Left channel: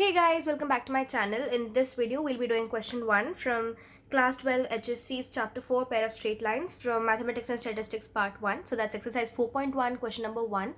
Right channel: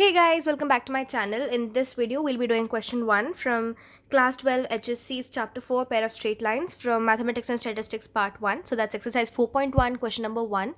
Hey guys, welcome back to my channel. In this video, we'll be doing question 1 from class 12 HSC's chapter 4 pair of straight lines from mathematics and statistics part 1. So that's exercise 4.1 question number 1.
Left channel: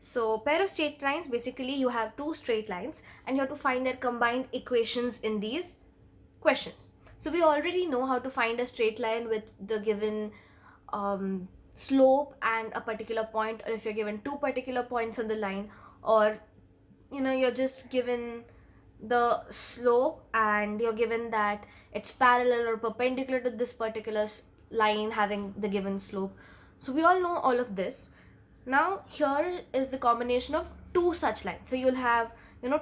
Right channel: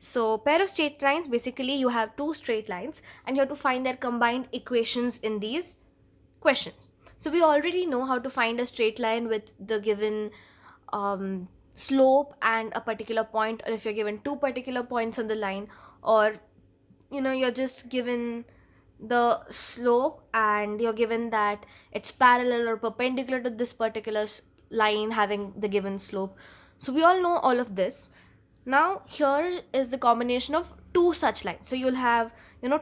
So pair of straight lines, basically you have two straight lines and you have to find their combined equations in these questions. So we already know how to find a straight line with the given slope and a particular point, or if you're given two particular points on the line, or you're just given the slope and you're given that it's parallel or perpendicular to this particular line having the given slope. So we all know all of this. Now here is the combination of two such lines. So you'll have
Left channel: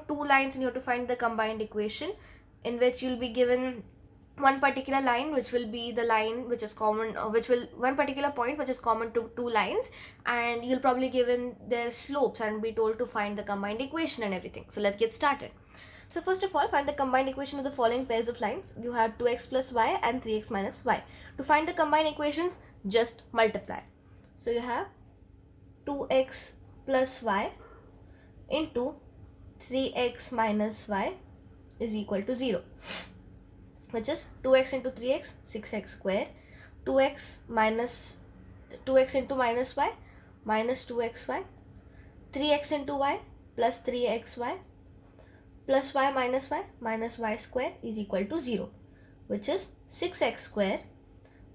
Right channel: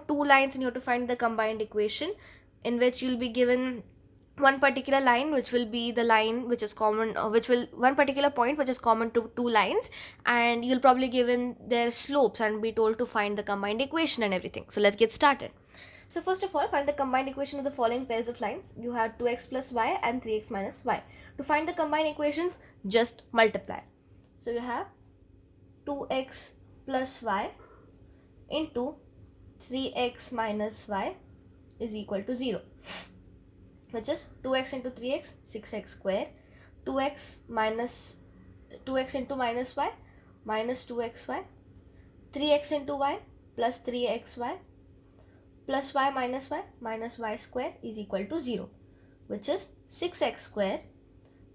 two lines and you have to find the combined equation, in which you'll be given one particular line which will be the line which is common, which will one particular point which is common to two lines, and you'll probably given their slopes and be told to find the combined equation and everything. So let's get started. So first of all, find the combined equation of the following pairs of lines. You have 2x plus y and 3x minus y. To find the combined equations, just multiply. So you have 2x plus y into 3x minus y is equal to 0, which is 2x into 3x, 6x square, 2x into minus y minus 2xy, 3x into y plus 3xy plus y minus y square is equal to 0, which is 6x square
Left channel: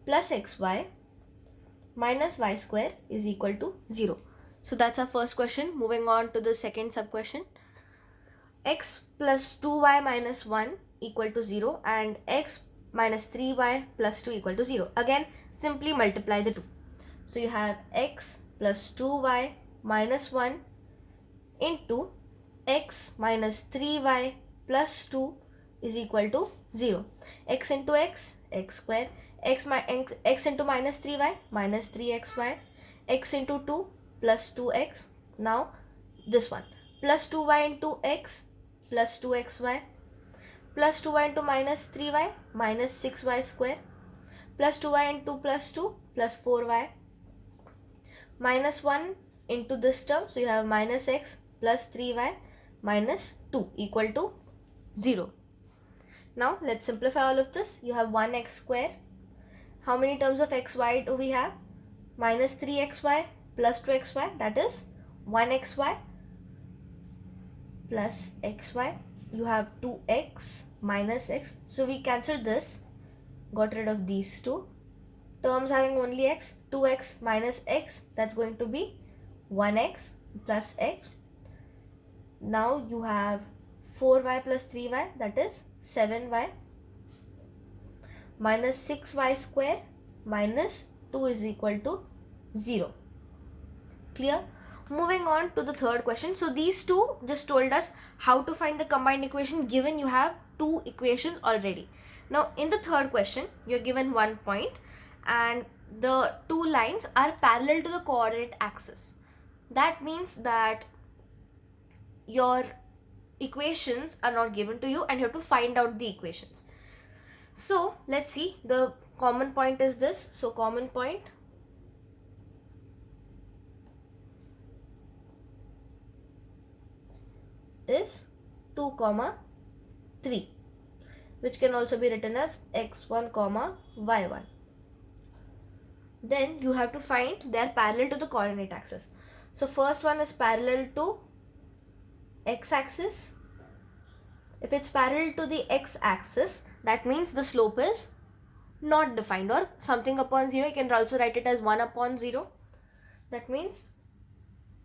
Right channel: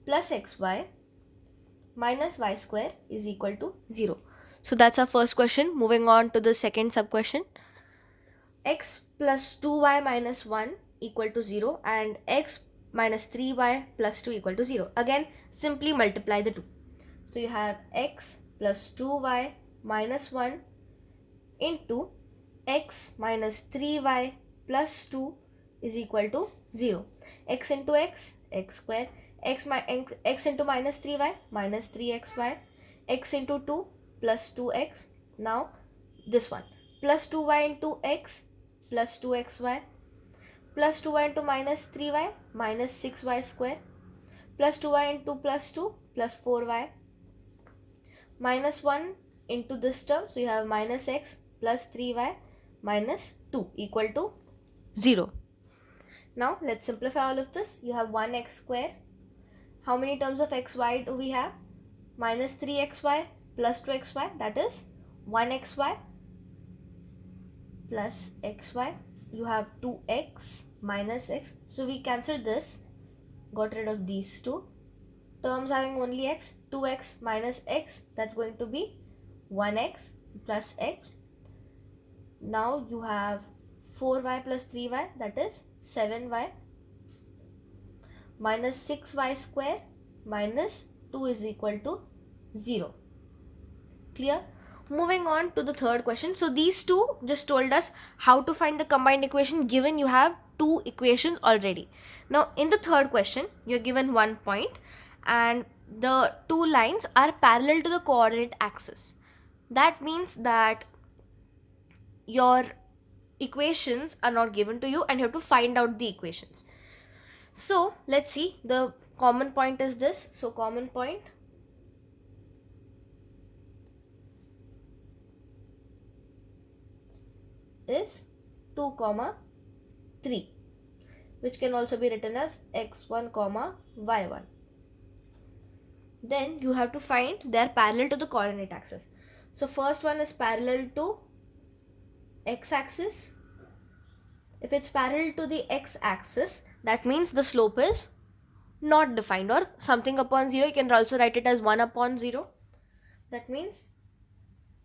plus xy minus y square is equal to 0. So that's our first question. Moving on to the second sub question. X plus 2y minus 1 equal to 0 and x minus 3y plus 2 equal to 0. Again, simply multiply the two. So you have x plus 2y minus 1 into x minus 3y plus 2 is equal to 0. X into x, x square, x into minus 3y minus 3xy, x into 2 plus 2x. Now this one, plus 2y into x plus 2xy, plus 2y into minus 3y minus 6y square, plus 2y into plus 2 plus 4y, minus 1 into this term. So you have minus x plus 3y minus 2 equal to 0. Now let's simplify all of this. You have 1x square. How many terms of xy do we have? Minus 3xy plus 2xy, that is 1xy plus xy. You have 2x minus x. So we cancelled this, got rid of these two terms having only x. 2x minus x, that's going to be 1x plus x. Now you have 4y plus 3y, that is 7y, minus 6y square minus 2 is equal to 0. Clear? Moving on to the third question. So these two just told us how to find the combined equation given you have two equations already. Now in the third question, you're given 1 point and the two lines are parallel to the coordinate axis. That means that your equations are not given to you and you have to find out the equations. So let's see, the common point is this. So common point is 2 comma 3, which can also be written as x1 comma y1. Then you have to find they are parallel to the coordinate axis. So first one is parallel to x-axis. If it's parallel to the x-axis, that means the slope is not defined, or something upon 0. You can also write it as 1 upon 0. That means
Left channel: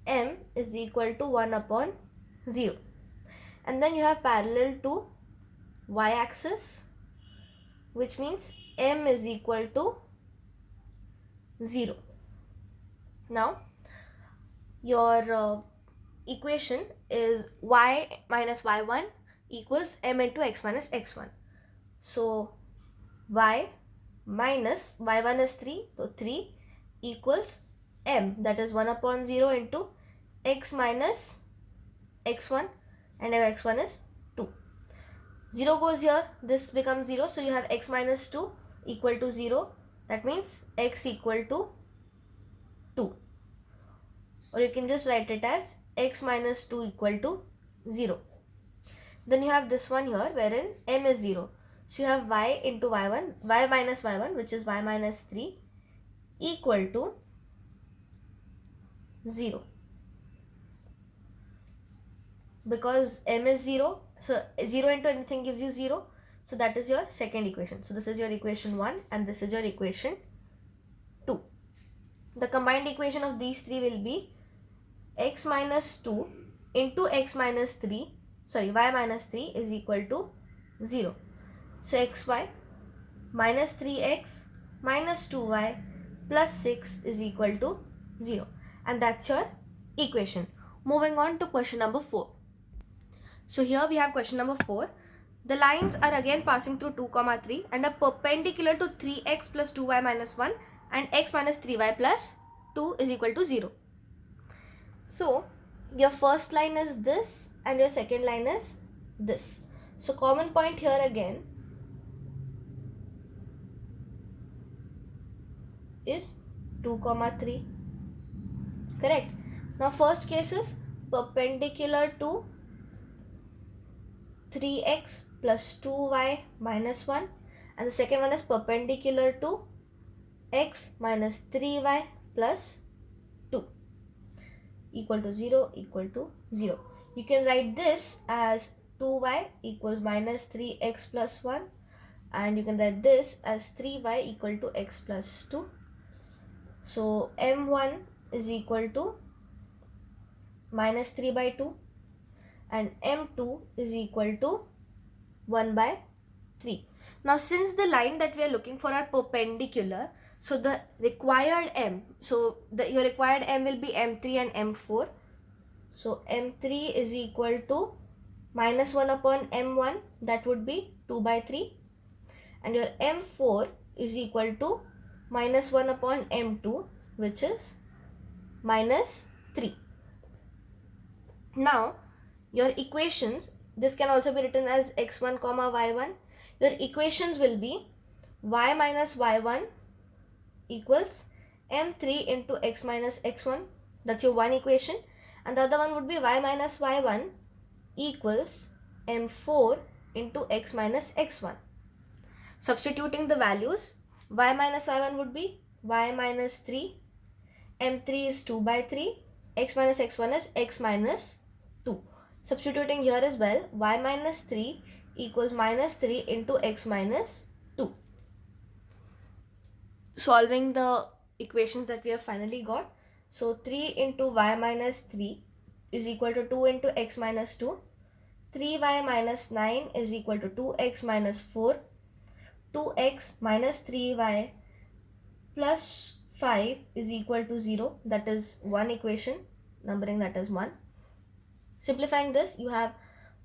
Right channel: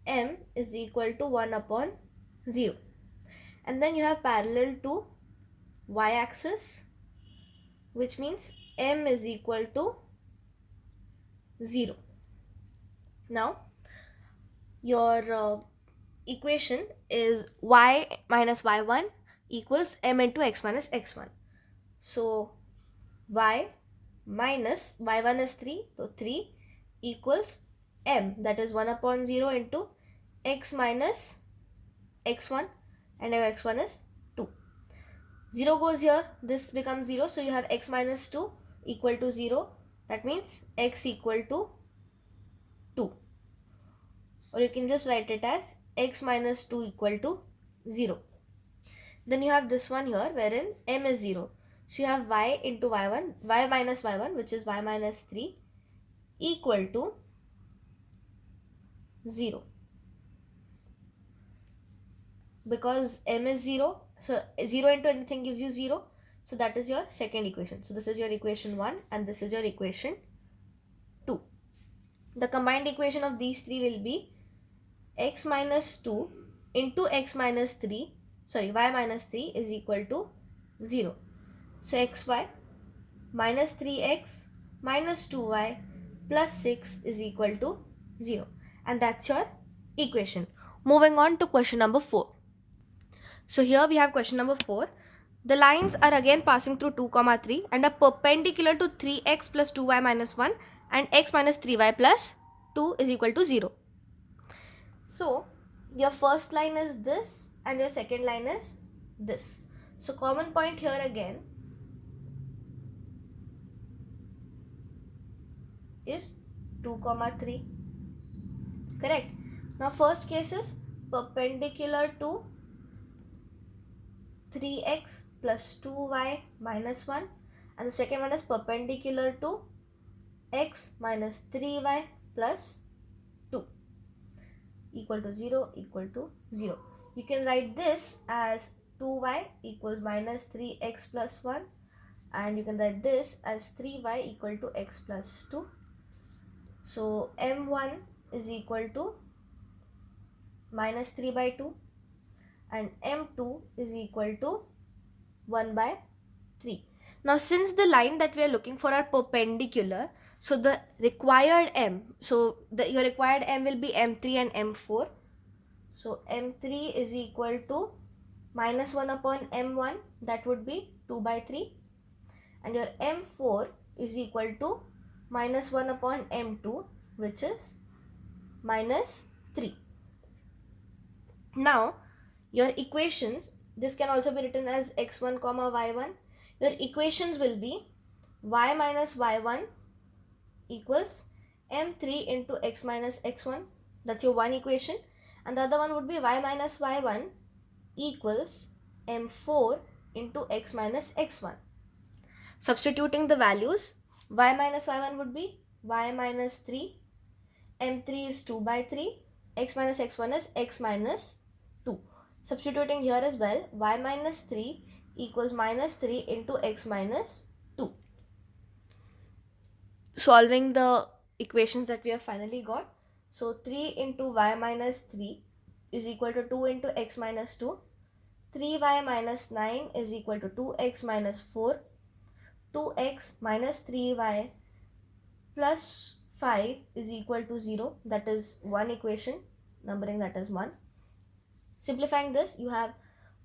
m is equal to 1 upon 0. And then you have parallel to y-axis, which means m is equal to 0. Now your equation is y minus y1 equals m into x minus x1. So y minus y1 is 3, so 3 equals m, that is 1 upon 0 into x minus x1, and your x1 is 2. 0 goes here, this becomes 0, so you have x minus 2 equal to 0. That means x equal to 2, or you can just write it as x minus 2 equal to 0. Then you have this one here wherein m is 0. So you have y into y1, y minus y1, which is y minus 3, equal to 0. Because m is 0, so 0 into anything gives you 0. So that is your second equation. So this is your equation 1 and this is your equation 2. The combined equation of these three will be x minus 2 into x minus 3, sorry, y minus 3 is equal to 0. So xy minus 3x minus 2y plus 6 is equal to 0. And that's your equation. Moving on to question number 4. So here we have question number 4. The lines are again passing through 2, 3 and are perpendicular to 3x plus 2y minus 1 and x minus 3y plus 2 is equal to 0. So your first line is this and your second line is this. So common point here again is 2, 3. Correct. Now first case is perpendicular to 3x plus 2y minus 1 and the second one is perpendicular to x minus 3y plus 2 equal to 0 equal to 0. You can write this as 2y equals minus 3x plus 1 and you can write this as 3y equal to x plus 2. So m1 is equal to minus 3 by 2 and m2 is equal to 1 by 3. Now since the line that we are looking for are perpendicular, so the required m, so your required m will be m3 and m4. So m3 is equal to minus 1 upon m1, that would be 2 by 3, and your m4 is equal to minus 1 upon m2, which is minus 3. Now your equations, this can also be written as x1 comma y1. Your equations will be y minus y1 equals m3 into x minus x1. That's your one equation. And the other one would be y minus y1 equals m4 into x minus x1. Substituting the values, y minus y1 would be y minus 3, m3 is 2 by 3, x minus x1 is x minus 2. Substituting here as well, y minus 3 equals minus 3 into x minus 2. Solving the equations that we have finally got. So 3 into y minus 3 is equal to 2 into x minus 2. 3y minus 9 is equal to 2x minus 4. 2x minus 3y plus 5 is equal to 0. That is one equation, numbering that as 1. Simplifying this, you have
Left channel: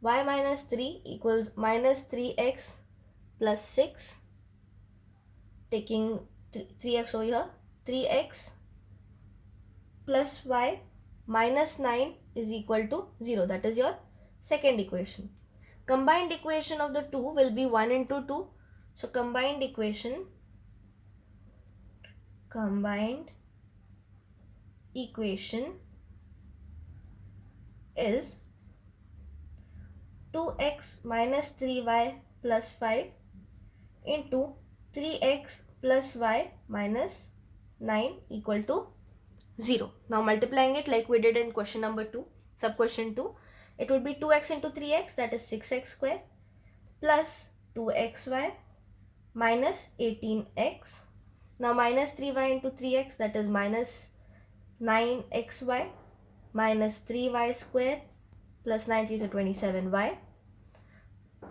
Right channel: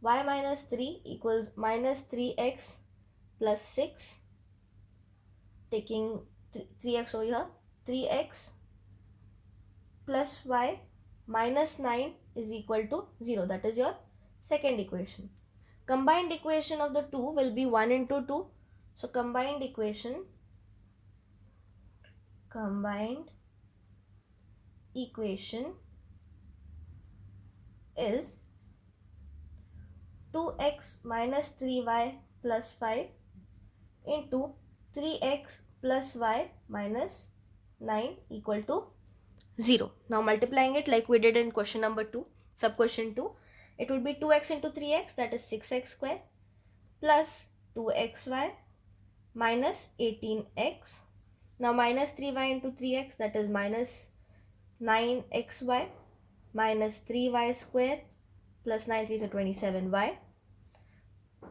y minus 3 equals minus 3x plus 6. Taking 3x over here, 3x plus y minus 9 is equal to 0. That is your second equation. Combined equation of the two will be 1 into 2. So combined equation is 2x minus 3y plus 5 into 3x plus y minus 9 equal to 0. Now multiplying it like we did in question number 2, sub question 2, it would be 2x into 3x, that is 6x square, plus 2xy minus 18x. Now minus 3y into 3x, that is minus 9xy minus 3y square plus 9 3 is 27y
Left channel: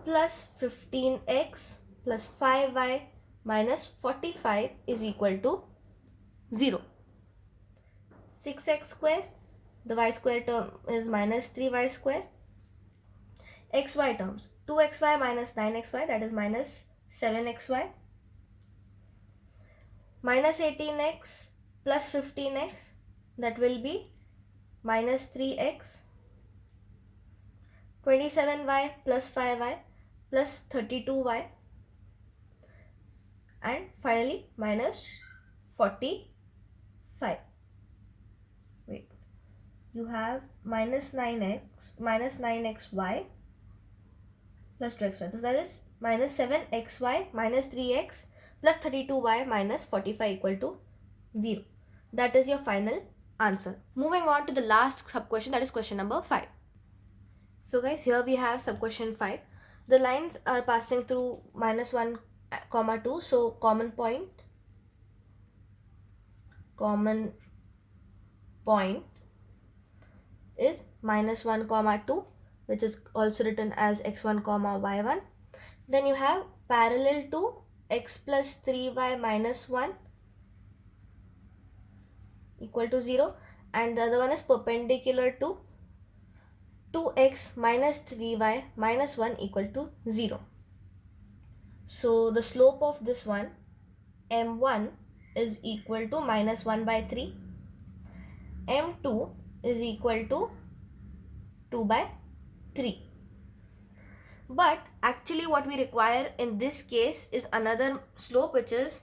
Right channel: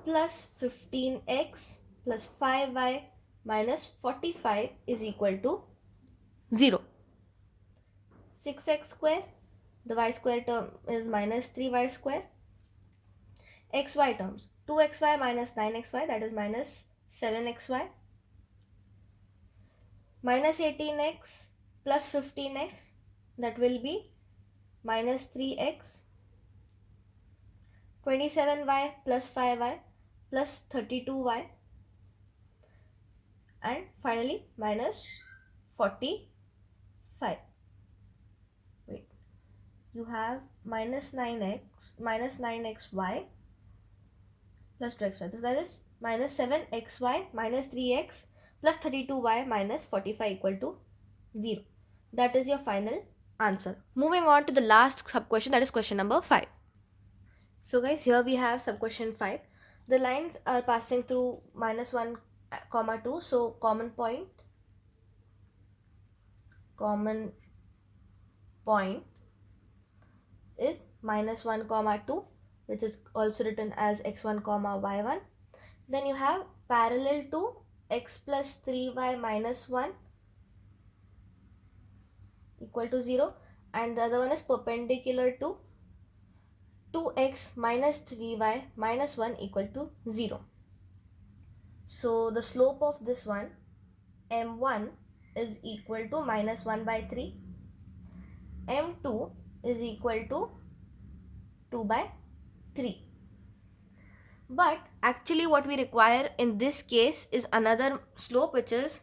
plus 15x plus 5y minus 45 is equal to 0. 6x square, the y square term is minus 3y square. Xy terms, 2xy minus 9xy, that is minus 7xy. Minus 18x plus 15x, that will be minus 3x. 27y plus 5y plus 32y, and finally minus 45. Wait, you have minus 9x minus 9xy plus 2xy. So that is minus 7xy minus 3x plus 32y minus 45 equal to 0. That is your final answer. Moving on to the last sub question, that is question number 5. So guys, here we have sub question 5. The lines are passing through minus 1 comma 2. So common point is minus 1 comma 2, which is also written as x1 comma y1. Then you have parallel to x plus 3y minus 1 equal to 0, and the other one is perpendicular to 2x minus 3y minus 1 equal to 0. So the slope of this one, m1, is equal to minus 1 by 3. m2 is equal to 2 by 3. But actually what we require in this case is another slope which is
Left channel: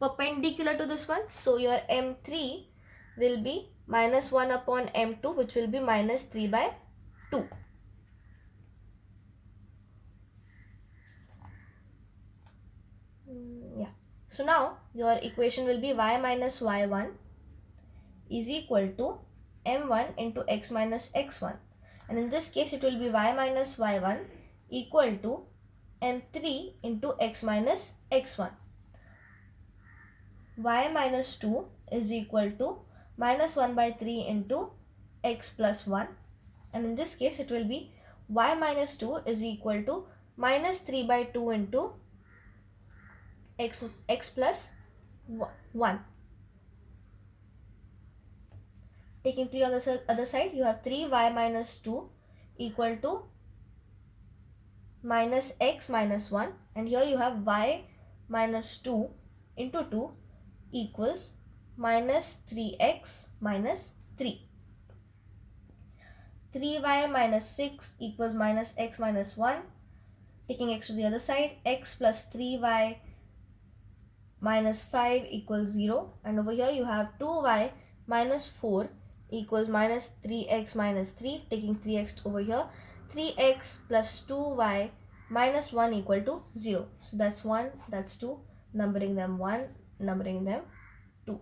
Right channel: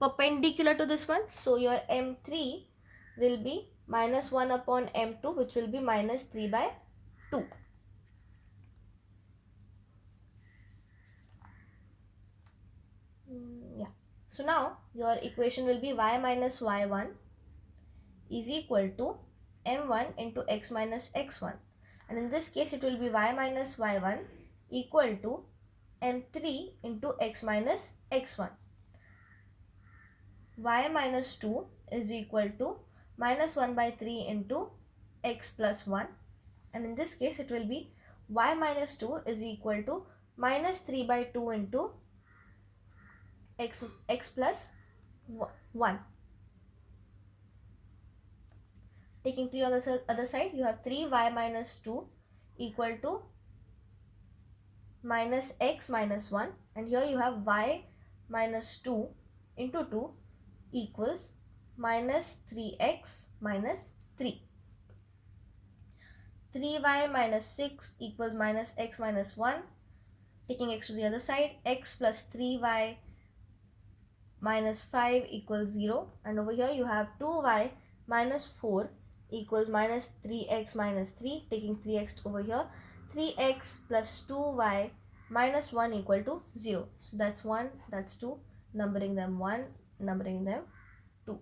perpendicular to this one. So your m3 will be minus 1 upon m2, which will be minus 3 by 2. Yeah. So now your equation will be y minus y1 is equal to m1 into x minus x1. And in this case it will be y minus y1 equal to m3 into x minus x1. Y minus 2 is equal to minus 1 by 3 into x plus 1. And in this case it will be y minus 2 is equal to minus 3 by 2 into x plus 1. Taking 3 on the other side, you have 3y minus 2 equal to minus x minus 1, and here you have y minus 2 into 2 equals minus 3x minus 3. 3y minus 6 equals minus x minus 1. Taking x to the other side, x plus 3y minus 5 equals 0, and over here you have 2y minus 4 equals minus 3x minus 3. Taking 3x over here, 3x plus 2y minus 1 equal to 0. So that's 1, that's 2, numbering them 1, numbering them 2.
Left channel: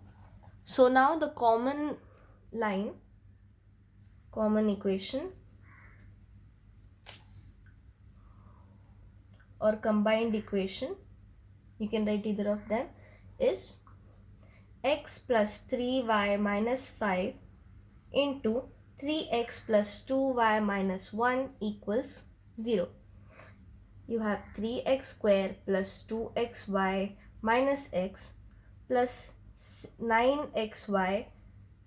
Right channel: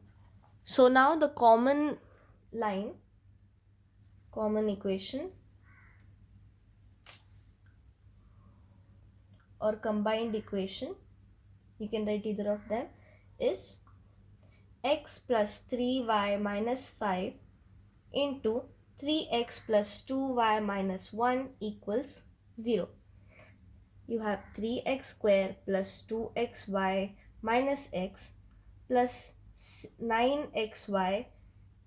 So now the common line, common equation or combined equation, you can write either of them, is x plus 3y minus 5 into 3x plus 2y minus 1 equals 0. You have 3x square plus 2xy minus x plus 9xy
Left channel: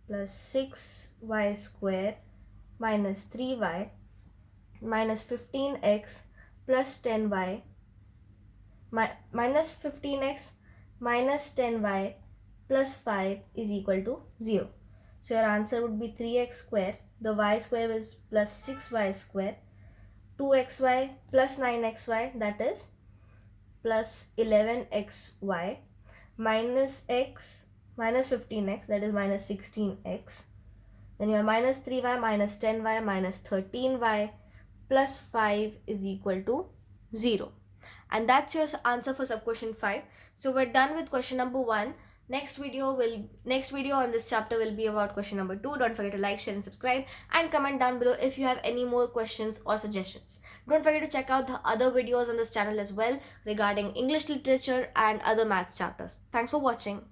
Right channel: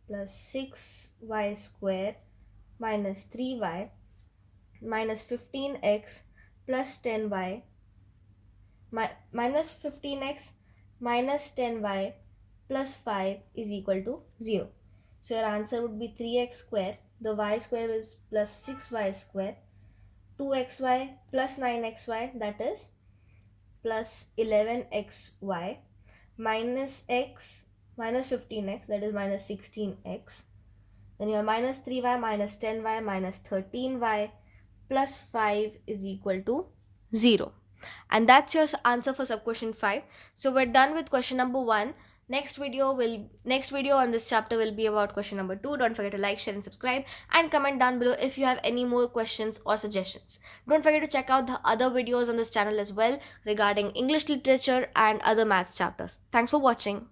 plus 6y square minus 3y minus 15x plus 10y minus 15x minus 10y plus 5 is equal to 0. So your answer would be 3x square. The y square is plus 6y square. 2xy plus 9xy, that is plus 11xy minus x minus 15x, that is minus 16x. Then you have minus 3y minus 10y minus 13y plus 5 is equal to 0. And that's your answer for sub question 5. So we're done with question number 1. Next video on this chapter will be about question number 2. Don't forget to like, share and subscribe, and comment down below if you have any more questions or suggestions. Don't forget to check out the other videos on this channel as well regarding English literature and other maths chapters. Thanks for watching.